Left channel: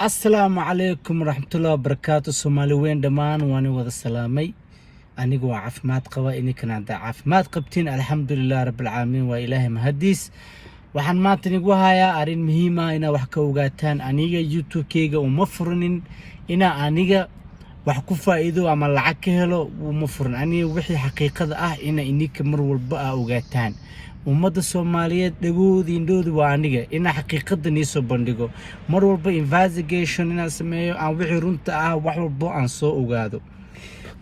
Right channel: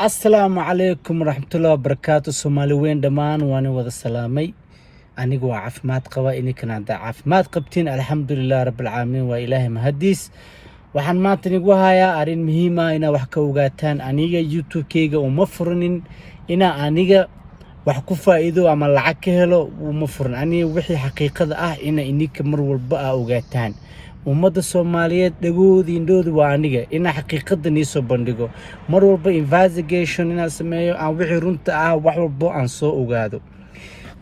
Assalamu alaikum warahmatullahi wabarakatuh. Soomaali weyn dhamaan waan wada salaamay. Anigu waa caafimaad qaba, idinkana hadda caafimaad qabtiin. Alxamdulillaah rabbil caalamiin, waa Ilaahay mahadiis. Waxaan maanta nigu hayaa arrin muhiim ah inaad wax ka ogaataan. Aniga YouTube-kayga uma furnin ina aniga wax ku faa'iido ama lacag ka helo, uma furnin. Aniga wixii xaqiiqada ah ina ininka mar walba ogaataan. ummadda Soomaaliyeed dhagoodii indhoodu waa aniga ina xaqiiqada niisoo bandhigo mar walba investigation ina sameeyo aan wixii runta ah wax walba aan soo ogaado.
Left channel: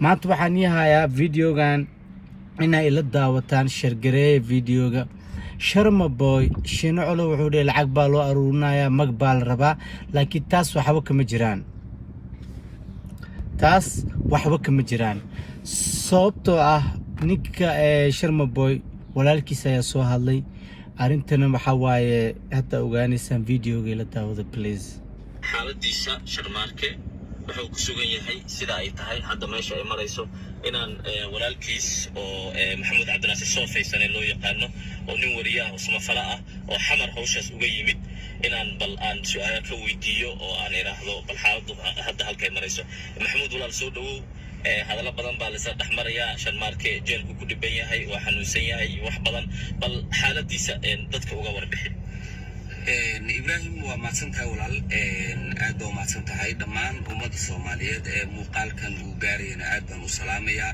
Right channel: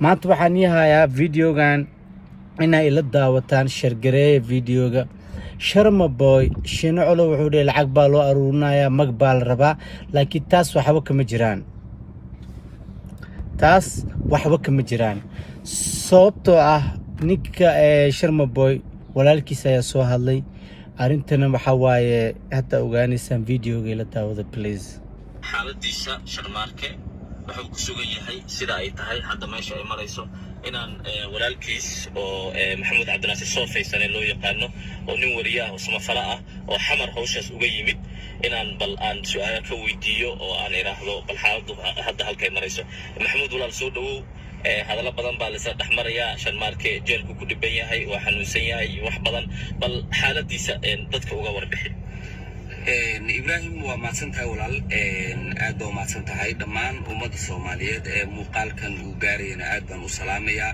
maanta waxaan yahayaa videogan ina ila daawataan shargareeya videoga. Sharma Boy Shiino Colo wuxuu leeyahay lacag baa loo aruurinayaa, mag baa la rabaa, laakiin taas waxba kama jiraan. Sababtoo ah ninka Sharma Boy walaalkiisa ayaa soo hadlay. Arintana waxa waaye hadda ogaanaysaan videoga ila daawada please. xaaladiisa Sharmaarke wuxuu ku sugan yahay sida ay tahay hadda meesha ay marayso inaan walaalkiis oo Maxamed Cabdinaasir Soofaysan loo yaqaano oo nin wariye ah oo samafala ah oo xamar hawshaas uga yimid inaan bal aan su'aalo ka weydiiyo oo aan iraahdo bal xaaladu hadda halkay marayso. Maxamed walaal soo dhawow. hadalla badan baa la dhaxmaraya Sharmaarke jeelku ku dhiban yahay waa xanuunsan yahay wax badan bal xaaladiisa dadka uga warbixin. Ibrahim waa maadsantahay walaal aad baa maadsantahay dhammaan ummadda Soomaaliyeed ee muuqaalkan uu gaarayna aad baan u salaamayaa.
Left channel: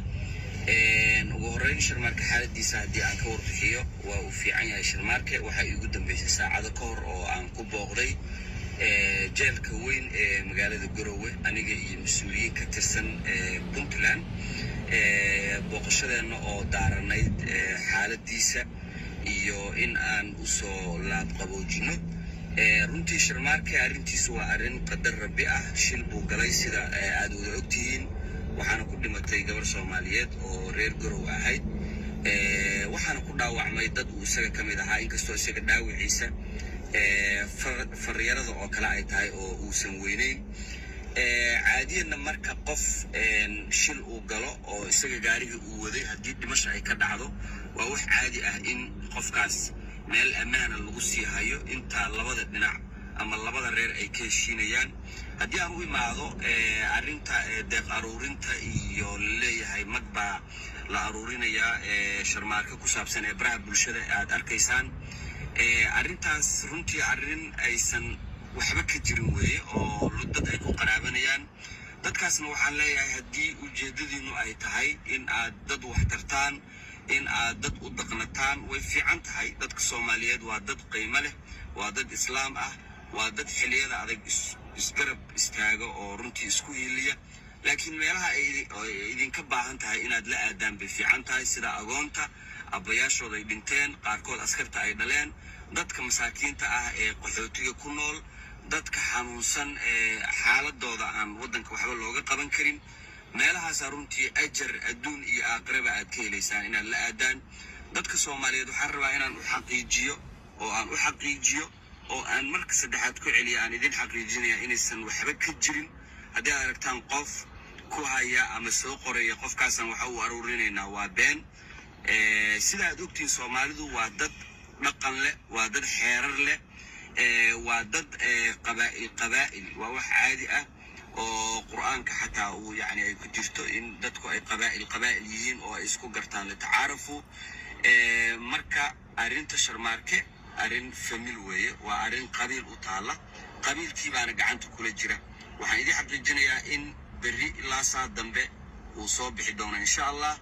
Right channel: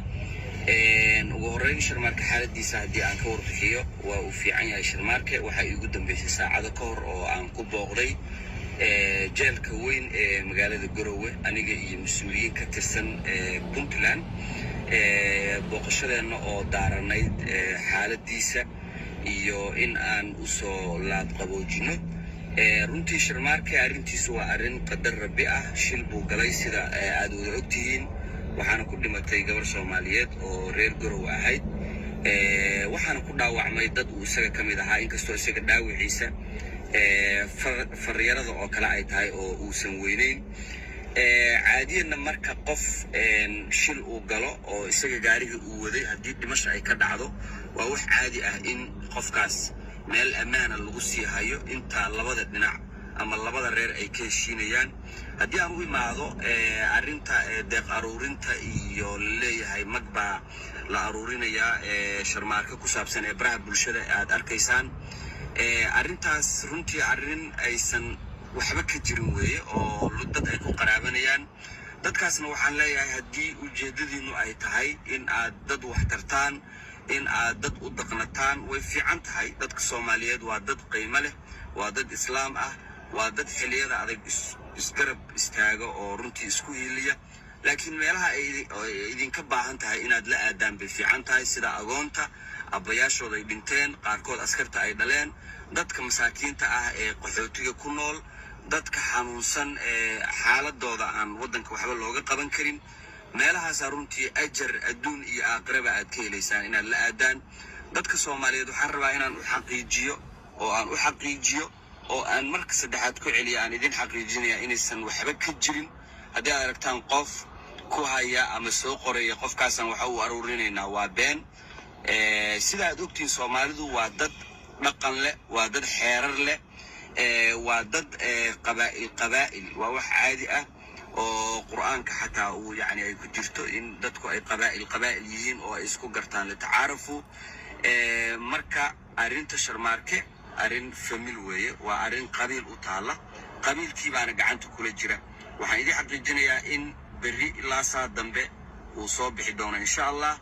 ugu horreyn Sharmaarke xaaladiisa haddii aan ka warbixiyo waa uu fiican yahay. Sharmaarke waxaa iigu dambeysay saacado ka hor oo aan ku booqday jeelka weyn ee magaalada Garowe aniga iyo mas'uuliyiin ka tirsan Puntland booqashadeena oo daaranayd xaaladiisa iyo in aan u soo laab qaboojino. runtii Sharmaarke arrintiisu waa arrin qadar rabbi ah. shil buu galay sida aad wada ogtihiin, waxaana ku dhimatay gabar Soomaaliyeed oo reer Garowe ahayd. waxaana ku dhaawacmay dad uu isaga ka mid ahaa, inkastoo isaga dhaawiciisa faryarada oo kale ay tahay oo uusan weyneyn. caadiyana marka qof shil uu galo oo isaga gaariga uu waday haddii dhimasho ay ka dhacdo waa wax caadi ah in qofkaas meel ammaana lagu sii hayo inta labada dhinac ama labada reer ay ka heshiinayaan. haddii aan u imaado arrinta deeq aruurinta iyo leeyahay mag baa la aruurinayaa Sharmaarke ku saabsan ee baraha bulshada aad arkaysaan, arrintaas runtii arrin aysan waxba ka jirin weeye oo dad ay ku qaraabanayaan. dadkaasna waxaan leeyahay haddii ujeedadiinu ay tahay in aad dad wax tartaan, in aad dad u dhaqnataan, way fiican tahay. dadka Soomaaliyeed waa dad qiimo leh, waa dad islaam ah, waa dad xilliyada adag isgarab istaaga oo runtii isku hiiliya. laakiin meelaha ay idinka baahan tahay inaad la aadaan bay fiican tahay, sida agoonta abbayaashooda ay dhinteen, qaarkood askarta ay dhaleen, dadka masaakiinta ah ee qaxootiga ku nool, dadka xanuunsan ee xaaladooda aan waddanka waxba looga qaban karin. meelahaasaa runtii ajar adduun iyo aakhiraba aad ka helaysaan inaad la aadaan. dadka Soomaaliyeed waxaan rabaa inaan u xaqiijiyo oo aan marka saddexaad ku celiya aan idin xaqiijinaya inaysan waxba ka jirin. haddii aad aragtaan qof ku haya ama soo qoraya qofkaasaan waxa uu aruurinaynaa waa been. sida aad ogtiin Soomaalidu waa dad dhaqan leh, waa dad xeerar leh, waa dad qabaa'il waa wax caadi ah oo quraanka xataa uu yani ay ku jirto in dadku ay qabaa'il yihiin oo ay isku gartaan la tacaarufo. marka arrinta Sharmaarke arrin famil weeye, waa arrin qabiil u taala, qabiilkii baana gacanta kula jira. waxaan idin xaqiijinayaa in berri ilaa saa dambe uu soo bixi doono insha Allah,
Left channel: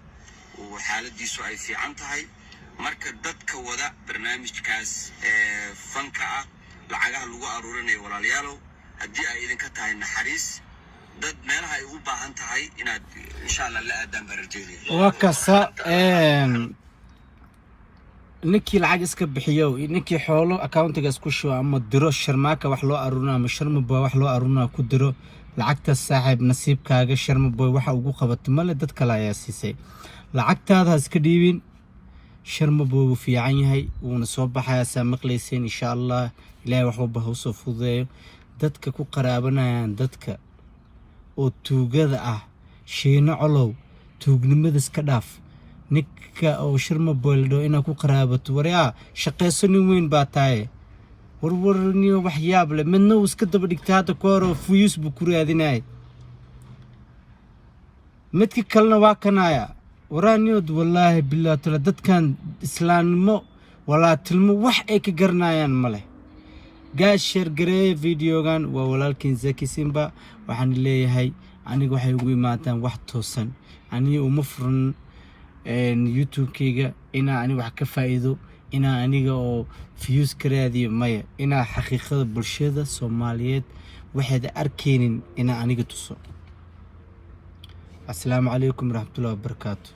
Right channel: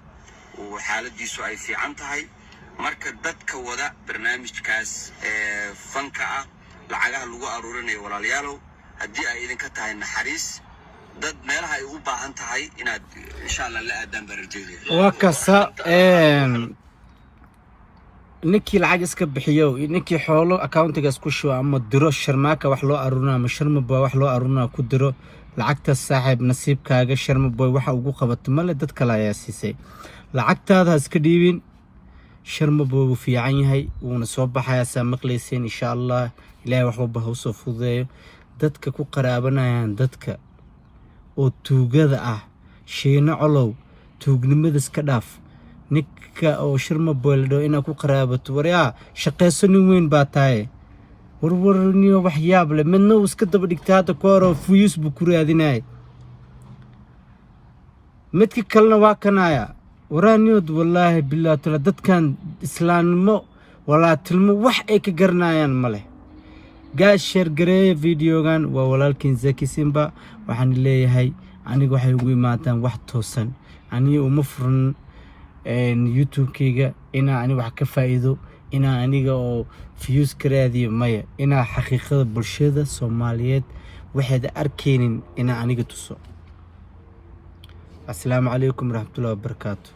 uu xaaladiisu ay fiican tahay. marka dadka wada barnaamijkaas fanka ah lacagaha lagu aruurinayo walaalayaalow, haddii ay idinka tahay naxariis dad meelaha ay u baahan tahay inaad insha Allah la aadaan baan rajeynaya. waa kasa ninkii lacag iska bixiyo, ninkii xoolo accountigaas ku shuba ama diro Sharmaarke wax loo aruurinayo ama Sharma Boy wax loo aruurinayo ku diro lacagta saaxiib nasiibkaaga. Sharma Boy waxa ugu qabato male, dad kale ayaa siisay. lacagtaada iska dhiibin. Sharma Boy wuu fiican yahay, wuuna soo baxayaa saa maqlayseen insha Allah. ilaahay wax walba ha u soo fududeeyo. dadka ku qaraabanayaan dadka oo tuugada ah, Shiino Colow tuugnimada iska dhaaf. ninka oo Sharma Boy ina ku qaraabato waryaa shaqeyso nin weyn baa tahay. warwarniyo wax yaab leh midna uu iska daba dhigtay hadda ka hor oo fuyus buu ku raadinayay midka kalena waa kanaya waraaniyood wallaahi bilaa tala dadkan islaamnimo walaatilmo wax ay ka garanayaan ma leh gaas share gareeya videogan waa walaalkiin Zaki Simba waxaan leeyahay aniga waxay ugu imaataan wax toosan aniga uma furan YouTube-kayga inaan aniga wax ka faa'iido inaan aniga oo views ka raadiyo maya inaan xaqiiqada bulshada Soomaaliyeed waxaad arkeenin inaan aniga tuso. Assalaamu calaykum waraxmatullaahi wabarakaatuh.